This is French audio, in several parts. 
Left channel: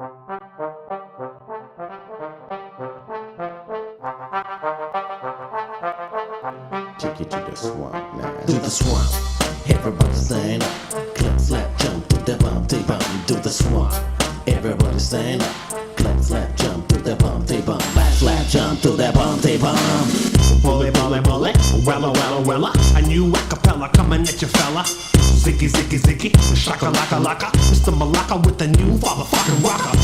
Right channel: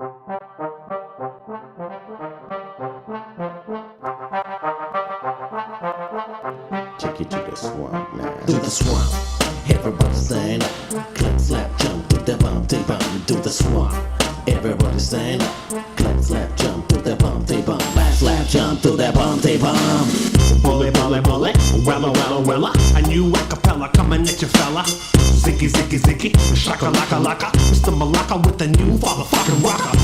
Take it to the swamp now. To the swamp. Everybody stand up. Clap, slap, jump to the bump, they bump. To the swamp. Everybody stand up. Clap, slap, jump to the bump, they bump. Clap, slap, jump to the bump, they bump. Bully, bully, bully, wella, wella, wella. A new acapella coming at you, fella. Ziggy, ziggy, ziggy, shaka, laka, laka. Mr. Malaka with the new motherfucking rocker.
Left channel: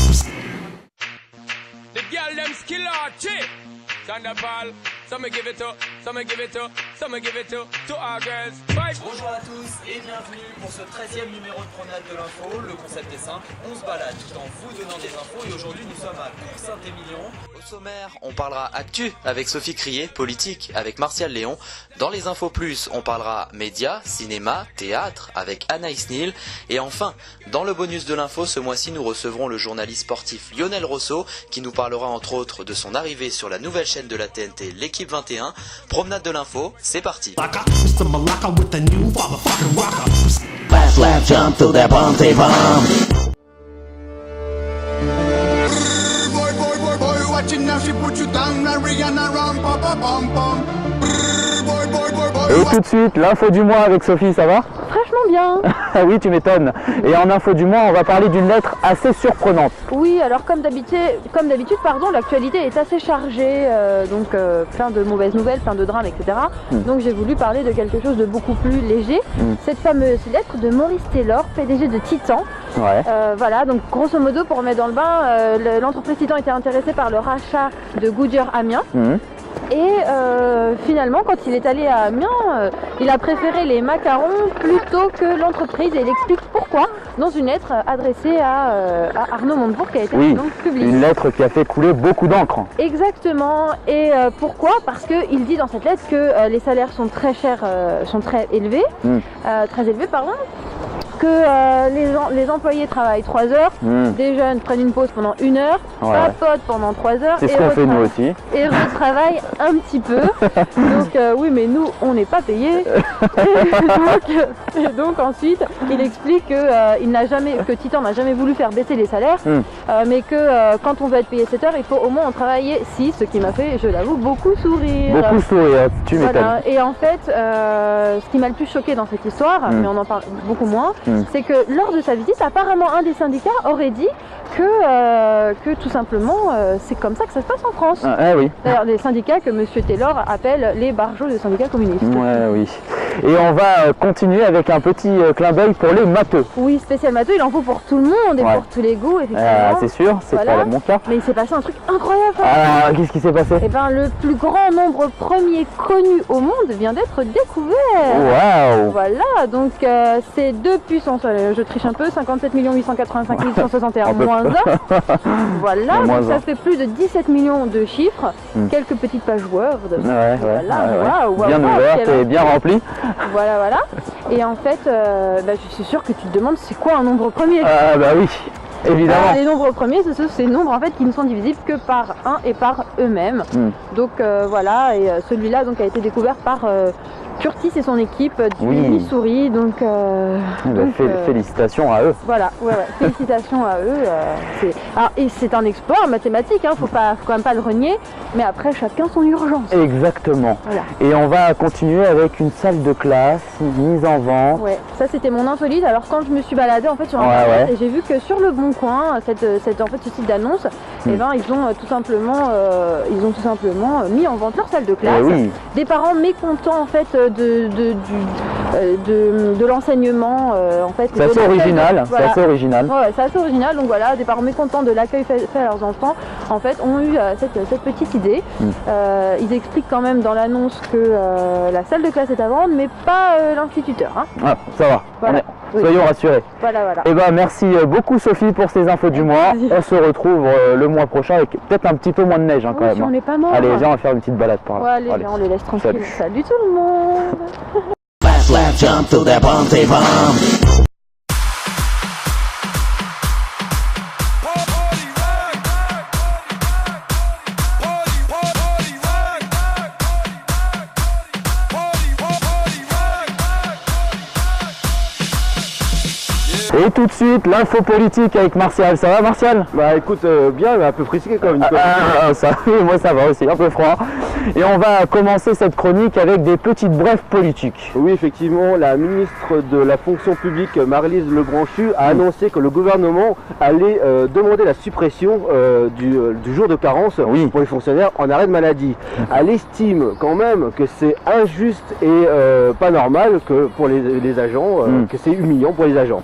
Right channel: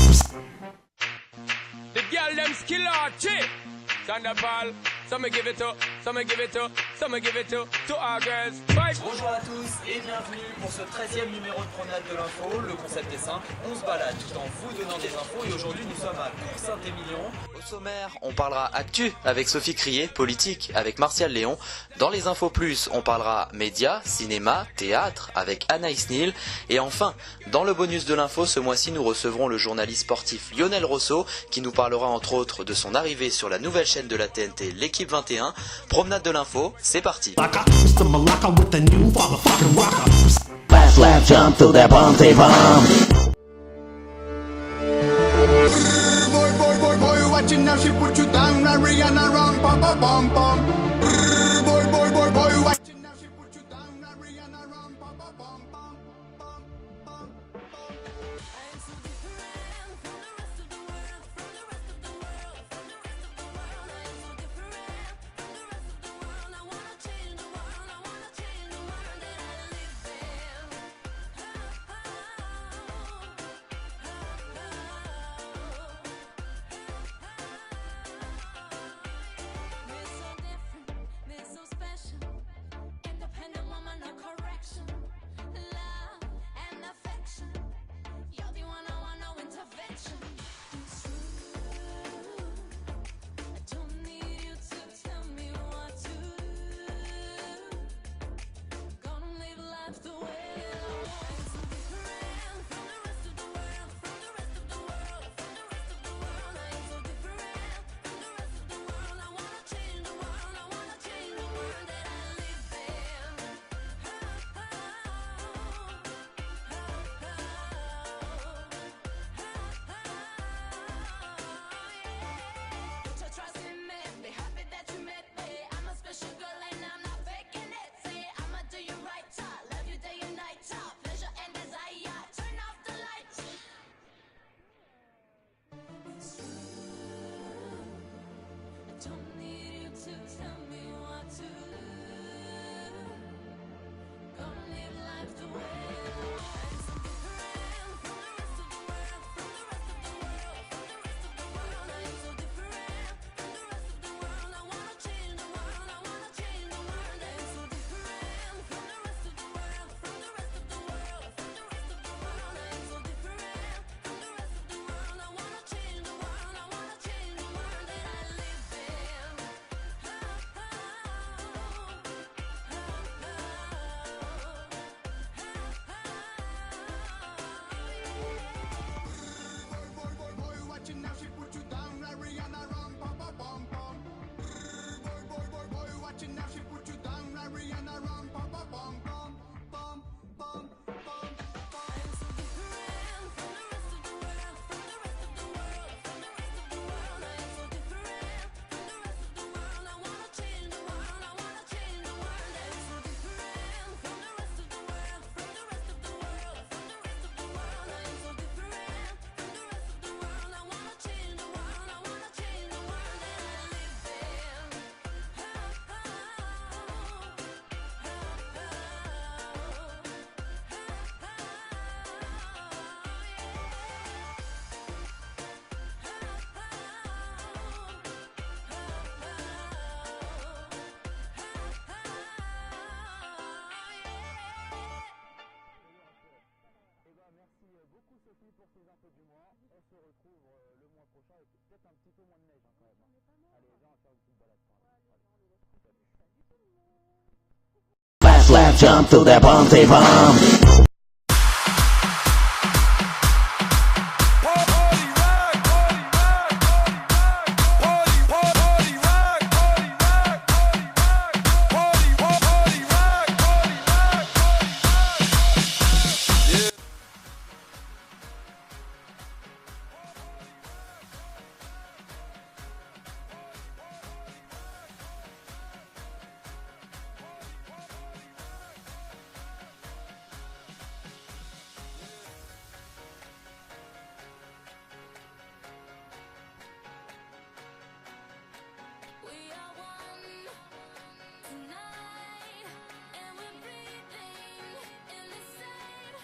The girl them skill archie. Thunderball. Some give it to, some give it to, some give it to our girls. Fight. Bonjour à tous et bienvenue pour ce 13e numéro de Promenade de l'Info. Le concept est simple, on se balade tout en vous donnant des infos et aujourd'hui nous sommes à Cours-Saint-Émilion. Au sommaire, on parlera actu avec Sophie Crier, politique avec Martial Léon. Dans les infos plus, on parlera médias, cinéma, théâtre avec Anaïs Neal. Et enfin, dans le bonus de l'info, ce mois-ci, nous recevrons le journaliste sportif Lionel Rosso qui nous parlera entre autres de son arrivée sur la nouvelle chaîne de la TNT, l'équipe 21. Promenade de l'info, c'est parti. Mr. Malaka with the new motherfucking rocker. Clap, slap, jump to the bump, they bump. Boy, boy, boy, boy, watching now, she put you down, Rihanna round, pop, pop, pom, pom. Boy, boy, boy, boy, Et tout de suite, l'info du mois avec Sophie, ça va? Franchement bien. Ah oui, tu m'étonnes. Et en info du mois, on va parler d'une lettre assez surprenante. Oui, alors comme d'habitude, l'actualité est assez chargée, donc plein de mauvaises nouvelles, plein de drames, etc. Donc j'ai voulu parler de quelque chose de beaucoup plus léger. Cette fameuse lettre de Maurice Taylor, PDG de Titan. Ouais. Voilà, donc grosso modo, pour remettre dans le bain, l'entreprise Titan était intéressée par le rachat de Goodyear Amiens. Et finalement, quand il est allé à Amiens, il a préféré les macarons plutôt que l'entreprise. Et il explique pourquoi dans une lettre adressée à Arnaud Montebourg qui a été donc publiée. Une lettre qui a fait couler beaucoup d'encre. Exactement. Et pourquoi? Parce qu'il dit dans cette lettre que les salaires sont très chers, sont très élevés, que les employés travaillent 3 heures, des jeunes prennent une pause pendant 1 heure, papotent pendant 3 heures C'est ce qu'on fait nous aussi. et retravaillent un petit peu. Donc oui, mais nous on n'est pas payés. donc ensuite il explique que Titan n'a jamais voulu faire baisser les salaires, mais que quand on veut être payé 7 heures, il faut au moins en travailler 6, ce qui m'a fait, je l'avoue, beaucoup sourire. Beaucoup sourire, tu m'étonnes. Voilà. Et en fait, ce qui m'a le plus choqué dans cette histoire, mais on en parle beaucoup moins, c'est que lors de sa visite, apparemment un des syndicats aurait dit que tout simplement c'est comme ça que ça se passe en France. Oui. D'ailleurs des syndicats que M. Taylor appelle les barjots des syndicats communistes. Oui. Et on va continuer avec un petit clin d'œil pour les matheux. Oui, spécial matheux, il en faut pour tout le monde et pour tous les goûts, effectivement. C'est sûr, c'est pas mon cas. Mais il s'est passé un truc incroyable. Qu'est-ce qui s'est passé? Eh ben, le plus grand nombre premier connu au monde vient d'être découvert. Waouh. Voilà, donc c'est 2 puissance, je triche un peu, 57 885 161 moins 1. Voilà, donc ça fait plus de 17 millions de chiffres, quelques petites pages Word. Bien ouvertes et bien remplies. Voilà. Et en fait, je suis sûre que tu te demandes c'est quoi un nombre premier. Bah oui. Évidemment. Les nombres premiers, c'est ces nombres en fait qui ne sont divisibles que par 1 et par eux-mêmes. Donc voilà, et celui-là donc a été découvert par Curtis et son équipe du Missouri. Donc, félicitations à eux. Voilà, félicitations à eux. Et c'est un exploit en mathématiques, faut quand même pas le renier, mais après chacun son urgence. Exactement. Voilà. Et on va continuer avec une salle de classe mise en vente. Ouais, ça c'était mon insolite. Alors quand je me suis baladée en fait sur internet et j'ai vu que sur le Bon Coin, ce site d'annonce, ils ont tout simplement mis en vente leur salle de classe. Des parents mécontents en fait de l'enseignement en fait. C'est assez original. Voilà. C'est assez original. Ouais, c'est assez original. Donc voilà, des parents mécontents de l'accueil fait à leurs enfants, en fait, ont eu cette petite idée. Ils expliquent quand même dans l'annonce que la salle de classe est à vendre, mais pas l'instituteur. Ça va. Voilà. Soyons rassurés. Voilà. Et merci beaucoup Sophie pour ces infos du mois. On se retrouve le mois prochain avec peut-être un petit peu moins de neige quand même. On est pas mort. Allez, viens, on va faire une petite balade par là. Allez, on les laisse tranquilles. Salut tout le monde. Slap, jump to the bump, they bump. Et tout de suite, l'info politique avec Martial. Ça va Martial? Bah écoute, bien, mais un peu frisqué quand même. Ça, moi ça va aussi, un peu froid. Et on va commencer cette chronique avec des petites brèves politiques. Oui, effectivement, la ministre de la fonction publique, Maryse Lebranchu, a annoncé que le gouvernement allait demander la suppression du jour de carence pour les fonctionnaires en arrêt de maladie. Elle estime quand même que c'est injuste et pas normal que pour les agents, que c'est humiliant pour les agents.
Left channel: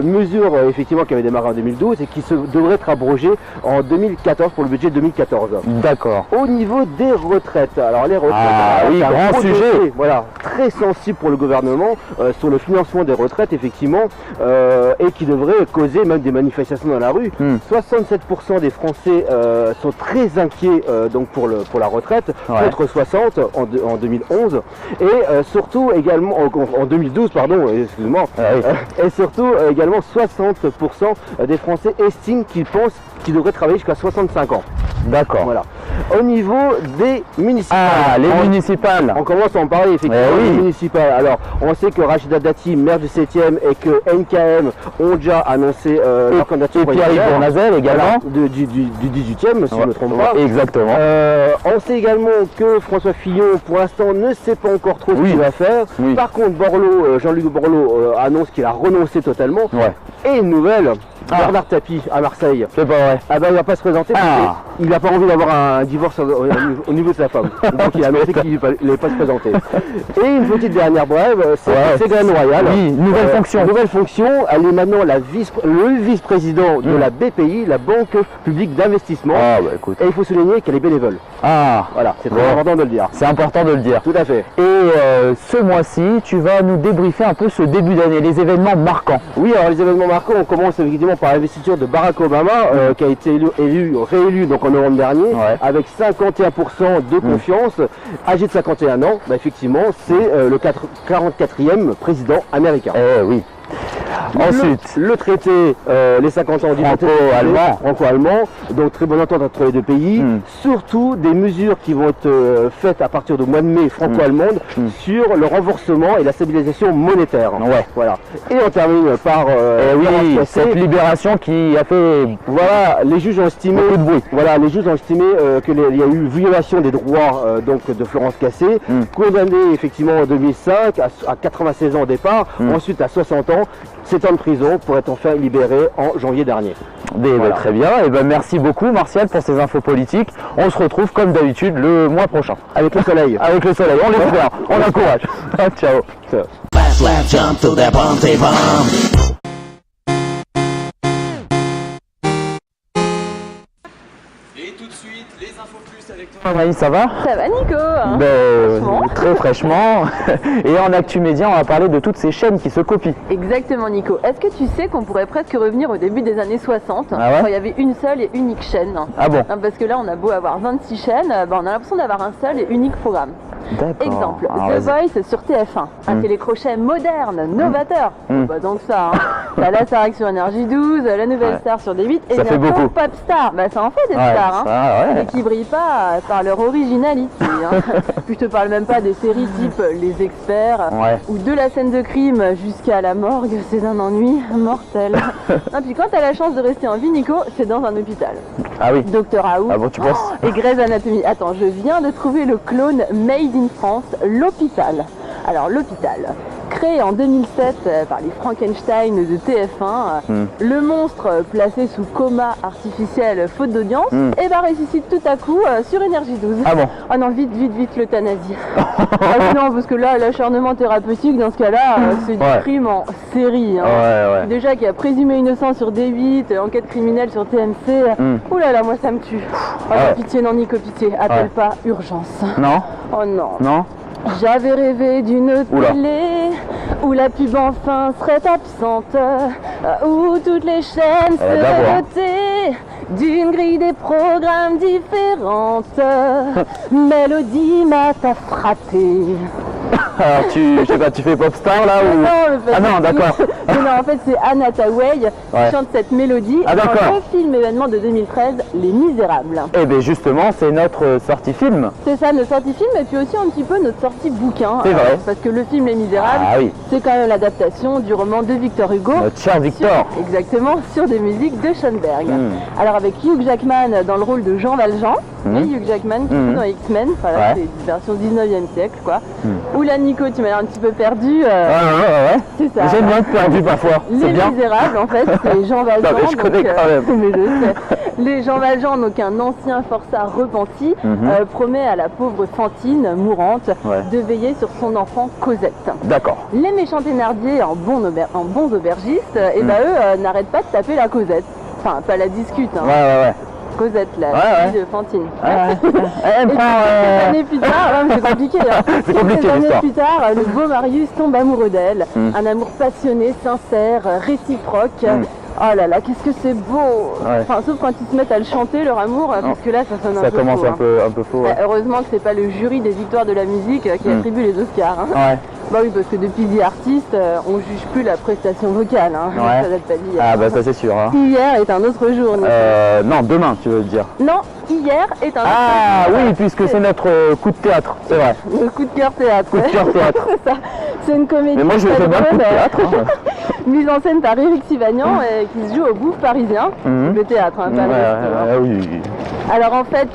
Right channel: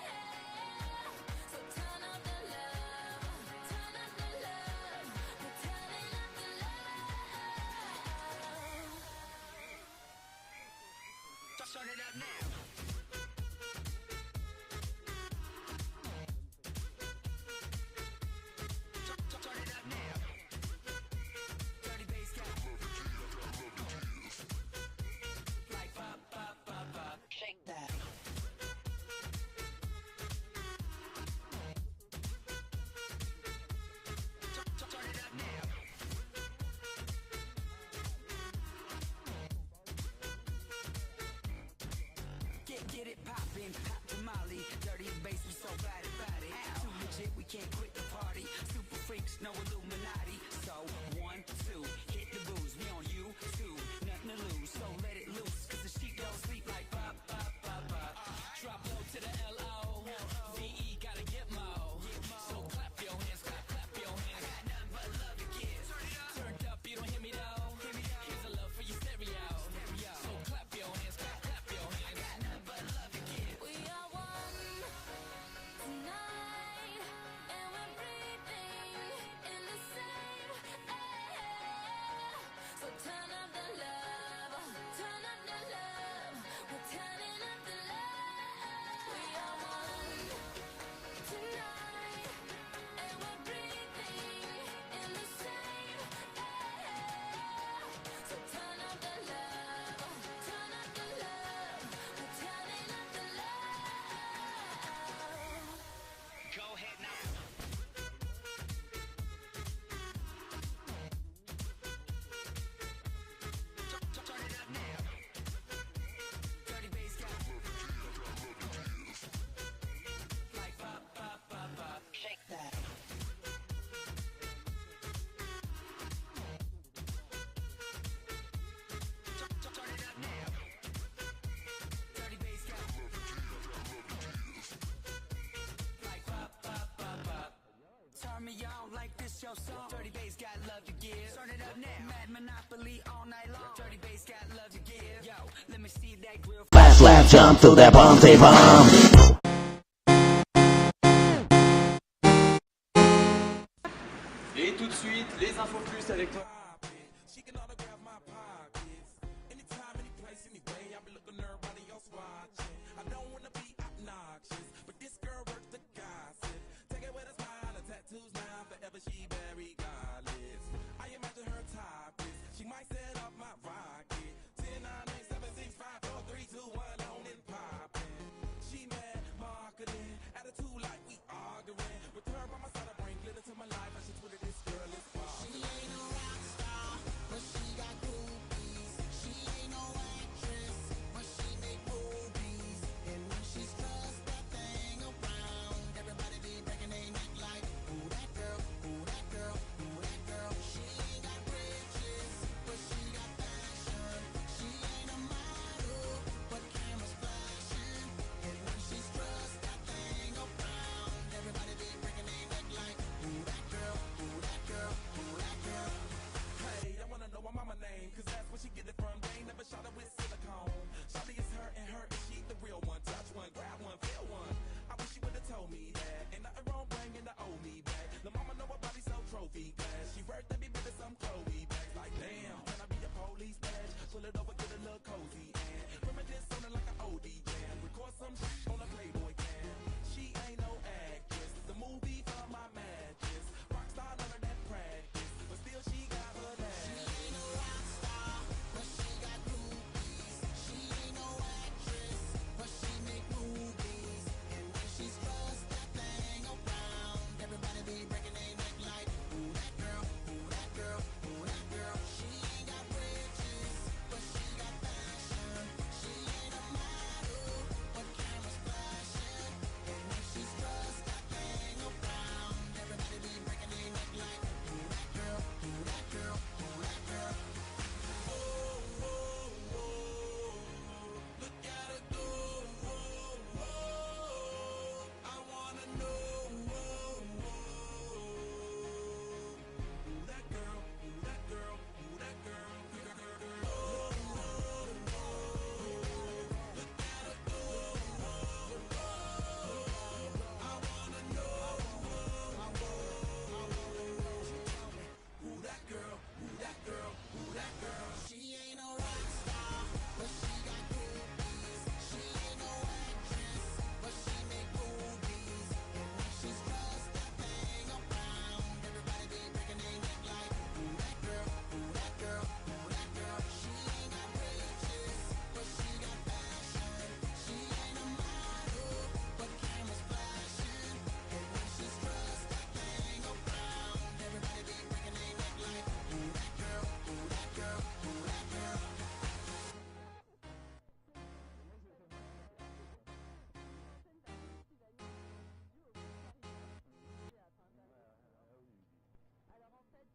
Une mesure effectivement qui avait démarré en 2012 et qui devrait être abrogée en 2014 pour le budget 2014. D'accord. Au niveau des retraites, alors les retraites, oui, grand sujet. Dossier, voilà, très sensible pour le gouvernement sur le financement des retraites effectivement et qui devrait causer même des manifestations dans la rue. 67% des Français sont très inquiets donc pour la retraite, contre 60 en 2011 et surtout également en 2012 pardon, excuse-moi, et surtout également 60% des Français estiment qu'ils pensent qu'ils devraient travailler jusqu'à 65 ans. D'accord. Voilà. Au niveau des municipales. Ah, les municipales. On commence à en parler effectivement des municipales. Alors, on sait que Rachida Dati, maire du 7e, et que NKM ont déjà annoncé leur candidature. Et Pierre-Yves Bournazel également. Du 18e, si je ne me trompe pas. Exactement. On sait également que François Fillon, pour l'instant, ne sait pas encore trop ce qu'il va faire. Par contre, Jean-Luc Borloo annonce qu'il a renoncé totalement. Et une nouvelle, Bernard Tapie à Marseille. C'est pas vrai. Ah ben il va pas se présenter parce qu'il n'a pas envie d'avoir un divorce au niveau de sa femme. Donc il a annoncé qu'il n'allait pas se présenter. Et une petite dernière brève, c'est Ségolène Royal. Oui, nouvelle fonction. Nouvelle fonction, elle est maintenant le vice-président de la BPI, la Banque Publique d'Investissement. Et il faut souligner qu'elle est bénévole. Voilà, c'est très important de le dire. C'est important de le dire. Tout à fait. Et ce mois-ci, tu vas nous débriefer un peu ce début d'année, les événements marquants. Oui, alors les événements marquants, on commence effectivement par l'investiture de Barack Obama, qui a été réélu donc en novembre dernier, avec 51% de confiance, âgé de 51 ans. Bah, effectivement, c'est le 44e président américain. Oui. Ensuite, le traité, les 50 ans franco-allemand, donc très bonne entente entre les deux pays, surtout des mesures qui vont être faites à partir du mois de mai franco-allemande sur le renforcement et la stabilisation monétaire. Voilà. Et on termine par cette libération qui a fait les juges ont estimé beaucoup de bruit. Voilà, les juges ont estimé qu'il y a eu violation des droits donc de Florence Cassé, condamnée effectivement en 2005 à 96 ans au départ, ensuite à 60 ans. 7 ans de prison pour être enfin libéré en janvier dernier. Très bien, et merci beaucoup Martial pour ces infos politiques. On se retrouve comme d'habitude le mois prochain. Avec le soleil. Avec le soleil, on l'espère, on encourage. Ciao. Fast lap jump to the bounty bomb. Et tout de suite, les infos plus avec toi. Anaïs, ça va? Ça va Nico? Très fraîchement. Et en Actu Média, on va parler de toutes ces chaînes qui se copient. Exactement Nico. Est-ce que tu sais qu'on pourrait presque revenir au début des années 60 quand il y avait une seule et unique chaîne? Ah bon? Parce que là on a beau avoir 26 chaînes, on a l'impression d'avoir un seul et unique programme. Exemple, The Voice sur TF1, un télécrochet moderne, novateur. Pas tant que ça. T'as la Starac sur Énergie 12, la Nouvelle Star sur D8 et bientôt Popstar. Ça en fait des stars, mais qui brillent pas par leur originalité. Puis je te parle même pas des séries type Les Experts ou de la scène de crime jusqu'à la morgue, c'est d'un ennui mortel. Puis quand t'as la chance de rester en vie, Nico, c'est dans un hôpital. Ah oui. Docteur House. Ah bon, tu penses? Et Grey's Anatomy. Attends, je viens de trouver le clone Made in France, l'hôpital. Alors l'hôpital, créé en 2007 par les Frankenstein de TF1, le monstre placé sous coma artificiel faute d'audience, et ressuscite tout à coup sur Énergie 12. Ah bon? Ah non, vite l'euthanasie. Non, parce que là, l'acharnement thérapeutique, dans ce cas-là, c'est du crime en série. Déjà qu'il y a présumé innocent sur D8, enquête criminelle sur TMC. Ouh là là, moi ça me tue. Pitié, non Nico, pitié, appelle pas urgence. Non? Oh non. Non? J'avais rêvé d'une télé où la pub enfin serait absente, où toutes les chaînes seraient dotées d'une grille des programmes différentes. Mélodie m'a frappé. Alors je sais pas, tu fais Popstar là ou... Ah non, d'accord. Non, en fait c'est Anna Tawai Ouais. qui chante cette mélodie Ah, d'accord. dans le film événement de 2013, Les Misérables. Eh bien justement, c'est notre sortie film. C'est ça, notre sortie film et puis aussi un petit peu notre sortie bouquin. C'est vrai. Parce que le film Les Misérables, Ah oui, c'est quand même l'adaptation du roman de Victor Hugo. notre cher Victor. Exactement, sur des musiques de Schoenberg. Mm. Alors avec Hugh Jackman dans le rôle de Jean Valjean, Mm. et Hugh Jackman qui Mm. joue dans X-Men, enfin, Ouais. c'est une version 19e siècle quoi. Mm. Oula Nico, tu m'as l'air un petit peu perdu. Ouais. C'est ça. J'aime bien être perdu parfois, c'est Les bien. Misérables, en fait, c'est Jean Valjean. Non, mais je connais quand même. mais je sais. Les Jean Valjean, donc un ancien forçat repenti, promet à la pauvre Fantine, mourante, Ouais. de veiller sur son enfant Cosette. D'accord. Les méchants thénardiers, en bons aubergistes, et ben eux n'arrêtent pas de taper la Cosette. Enfin, pas la discute, hein. Ouais. Cosette, la Ouais. fille de Fantine. Elle Et prend... quelques années plus tard, ouais, mais c'est compliqué. Hein. C'est compliqué, Quelques années l'histoire. plus tard, le beau Marius tombe amoureux d'elle. Un amour passionné, sincère, réciproque. Oh là là, qu'est-ce que c'est beau. Ouais. Enfin, sauf quand ils se mettent à le chanter, leur amour, parce que là, ça sonne un Ça peu commence faux, un peu faux. Bah, heureusement que c'est pas le jury des victoires de la musique qui attribue les Oscars. Hein. Ouais. Bah oui, parce que depuis The Artist, on juge plus la prestation vocale. Hein. Ouais. Ça date pas d'hier. Ah bah ça c'est sûr. Hein. Hier est un autre jour. Nico. Non, demain tu veux dire. Non, hier est un autre Ah jour. oui, puisque c'est notre coup de théâtre, c'est vrai. Le coup de cœur théâtre. Coup de cœur théâtre. C'est ça. C'est une comédie. Mais moi je fais bien le coup de théâtre. Hein. Mise en scène par Éric Sivagnan et qui se joue au Bouffe parisien. Mhm. Le théâtre, hein, pas le resto, hein. Oui. Alors en fait,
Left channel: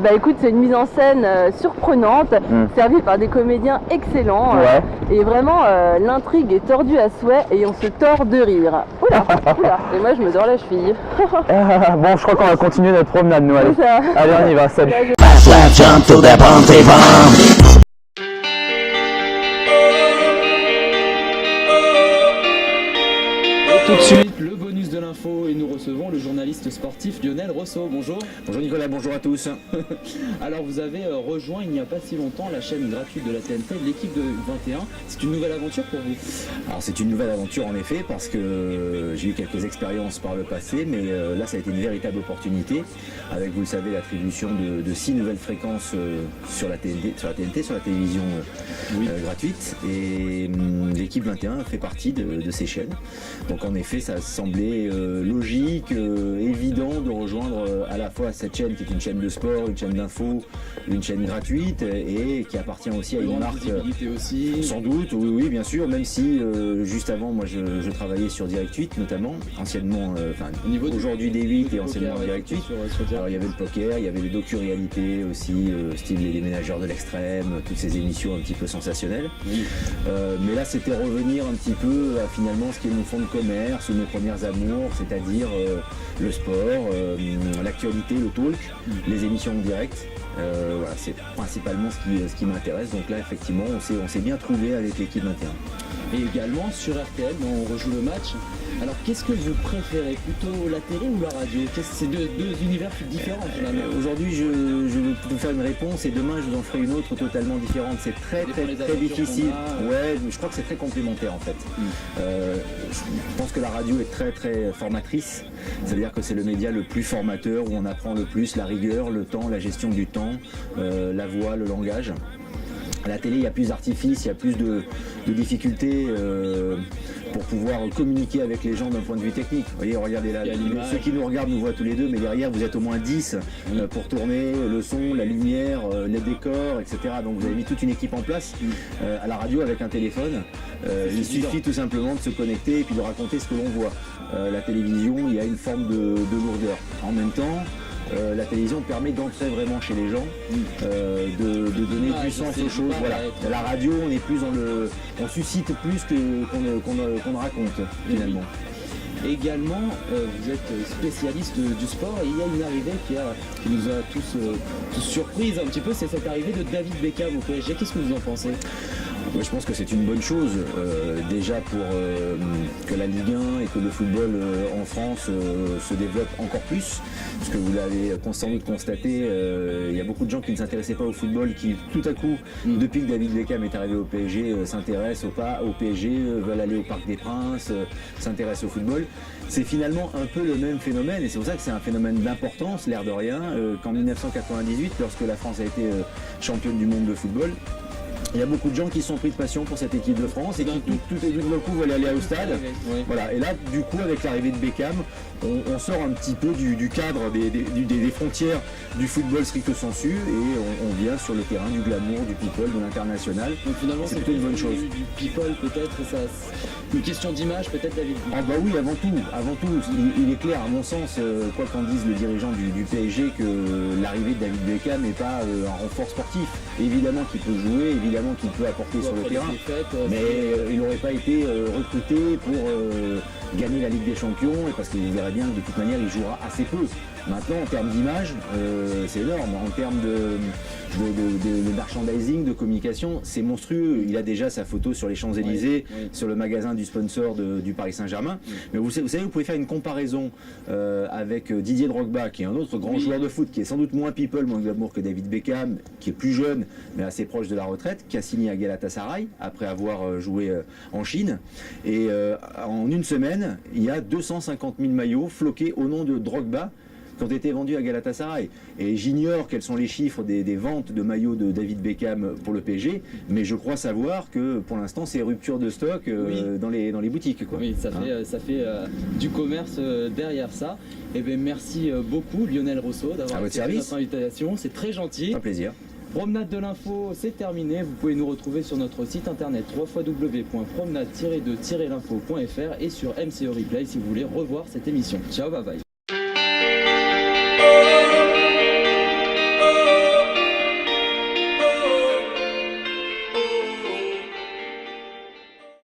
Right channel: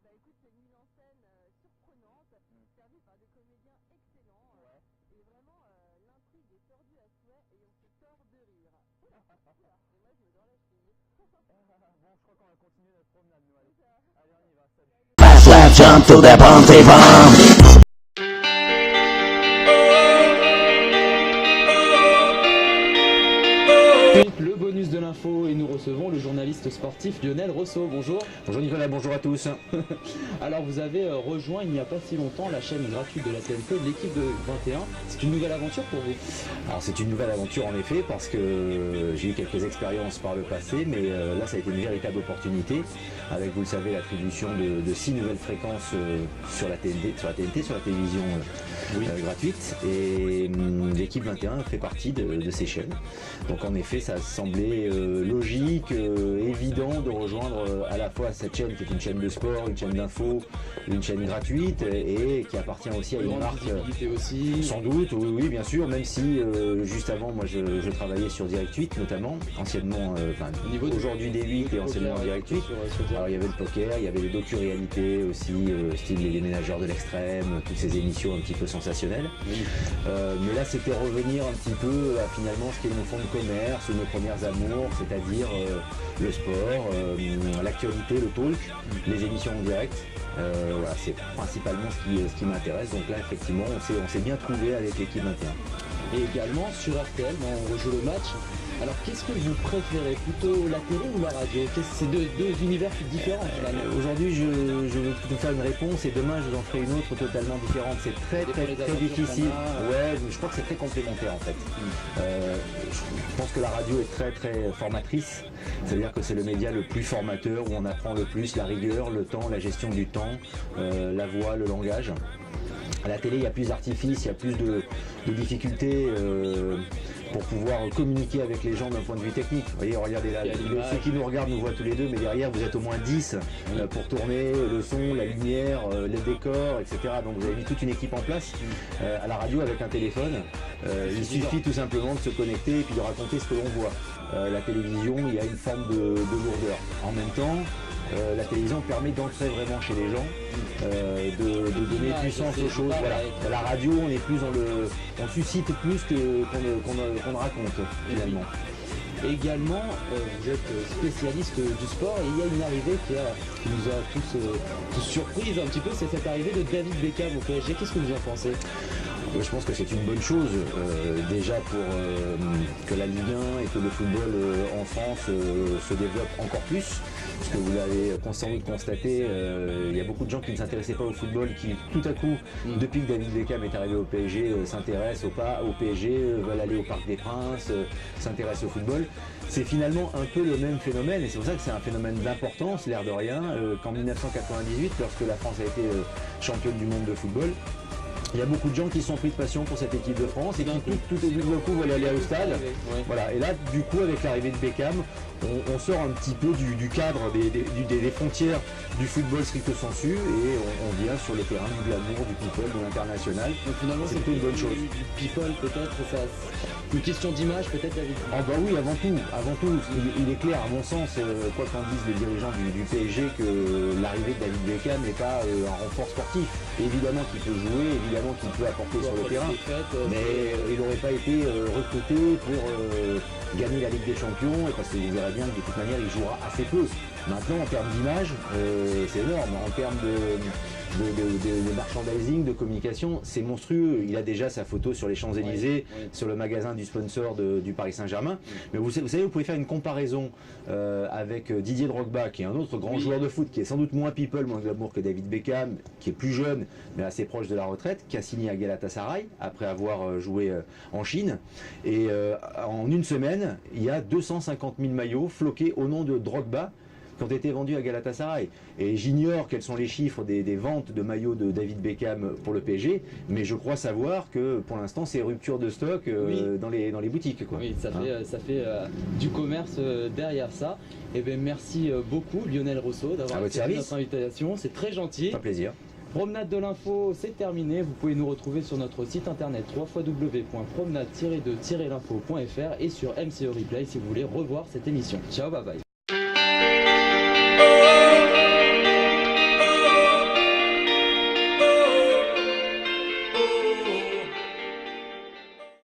bah écoute, c'est une mise en scène surprenante, servie par des comédiens excellents. Ouais. Et vraiment, l'intrigue est tordue à souhait et on se tord de rire. Oula. Et moi je me dors la cheville. Bon, je crois qu'on va continuer notre promenade, nous. Allez, C'est ça. allez on y va, salut. Slap jump to the bounty bomb. Tout de suite, le bonus de l'info et nous recevons le journaliste sportif Lionel Rosso. Bonjour. Bonjour Nicolas, bonjour à tous. Alors vous avez rejoint il n'y a pas si longtemps la chaîne gratuite de la TNT, l'équipe de 21. C'est une nouvelle aventure pour vous? Alors c'est une nouvelle aventure en effet parce que j'ai eu quelques expériences par le passé, mais là ça a été une véritable opportunité avec, vous le savez, l'attribution de 6 nouvelles fréquences sur la TNT, sur la télévision gratuite, et l'équipe 21 fait partie de ces chaînes. Donc en effet ça semblait logique, évident de rejoindre à la fois cette chaîne qui est une chaîne de sport, une chaîne d'info, une chaîne gratuite et qui appartient aussi à une marque aussi. Sans doute, oui bien sûr, même si juste avant moi je travaillais sur Direct 8 notamment, anciennement, aujourd'hui D8 et anciennement Direct 8. Alors il y avait le poker, il y avait le docu-réalité aussi, style Les Ménageurs de l'extrême, toutes ces émissions un petit peu sensationnelles. Mais là c'était revenir un petit peu à finalement ce qui est mon fond de commerce, mes premières amours, c'est-à-dire le sport, l'actualité, le talk, les émissions en direct. Voilà, c'est principalement ce qui m'intéresse. Donc là effectivement on s'est bien trouvé avec l'équipe 21. Et également sur RTL, on rejoue le match. Alors qu'est-ce que vous préférez, plutôt la télé ou la radio? C'est deux univers différents finalement. Aujourd'hui je vais vous faire une réponse et demain je vous en ferai une autre totalement différente. C'est très difficile. Ouais, je crois que c'est très complémentaire en fait. Je pense que la radio est très formatrice. C'est-à-dire que c'est le média le plus formateur, où on apprend le plus la rigueur, le temps, la gestion du temps, la voix, le langage. À la télé, il y a plus d'artifices, il y a plus de difficultés pour pouvoir communiquer avec les gens d'un point de vue technique. Vous voyez, regardez là, ceux qui nous regardent nous voient tous les deux, mais derrière vous êtes au moins 10 pour tourner le son, la lumière, les décors, etc. Donc vous avez mis toute une équipe en place. À la radio, avec un téléphone, il suffit tout simplement de se connecter et puis de raconter ce que l'on voit. La télévision, il y a une forme de lourdeur. En même temps, la télévision permet d'entrer vraiment chez les gens, de donner du sens aux choses. Voilà. À la radio, on est plus on suscite plus qu'on ne raconte finalement. Également, vous êtes spécialiste du sport et il y a une arrivée qui nous a tous surprise un petit peu, c'est cette arrivée de David Beckham au PSG. Qu'est-ce que vous en pensez? Je pense que c'est une bonne chose, déjà pour que la Ligue 1 et que le football en France se développe encore plus. Parce que vous l'avez sans doute constaté, il y a beaucoup de gens qui ne s'intéressaient pas au football, qui tout à coup, depuis que David Beckham est arrivé au PSG, s'intéressent au PSG, veulent aller au Parc des Princes, s'intéressent au football. C'est finalement un peu le même phénomène, et c'est pour ça que c'est un phénomène d'importance, l'air de rien, qu'en 1998, lorsque la France a été championne du monde de football, Il y a beaucoup de gens qui sont pris de passion pour cette équipe de France et qui tout au bout d'un coup veulent aller au stade. Voilà. Et là, du coup, avec l'arrivée de Beckham, on sort un petit peu du cadre des frontières du football stricto sensu et on vient sur le terrain du glamour, du people, de l'international. Donc finalement, c'est plutôt une bonne chose. Du people peut-être, une question d'image peut-être, David. Ah bah oui, avant tout, il est clair à mon sens, quoi qu'en disent les dirigeants du PSG, que l'arrivée de David Beckham n'est pas un renfort sportif. Évidemment qu'il peut jouer, évidemment qu'il peut apporter sur le terrain, mais il n'aurait pas été recruté pour gagner la Ligue des Champions, et parce que vous verrez bien que de toute manière il jouera assez peu. Maintenant, en termes d'image, c'est énorme. En termes de merchandising, de communication, c'est monstrueux. Il a déjà sa photo sur les Champs-Élysées, sur le magasin du sponsor du Paris Saint-Germain. Mais vous savez, vous pouvez faire une comparaison avec Didier Drogba, qui est un autre grand joueur de foot, qui est sans doute moins people, moins glamour que David Beckham, qui est plus jeune, mais assez proche de la retraite, qui a signé à Galatasaray après avoir joué en Chine. Et en une semaine, il y a 250 000 maillots floqués au nom de Drogba, qui ont été vendus à Galatasaray. Et j'ignore quels sont les chiffres des ventes de maillots de David Beckham pour le PSG, mais je crois savoir que pour l'instant c'est rupture de stock dans les boutiques, quoi. Oui, ça fait du commerce derrière ça. Et bien merci beaucoup Lionel Rousseau d'avoir accepté notre invitation, c'est très gentil. Un plaisir. Promenade de l'info, c'est terminé. Vous pouvez nous retrouver sur notre site internet www.promenade-de-l'info.fr et sur MCE Replay si vous voulez revoir cette émission. Ciao, bye bye.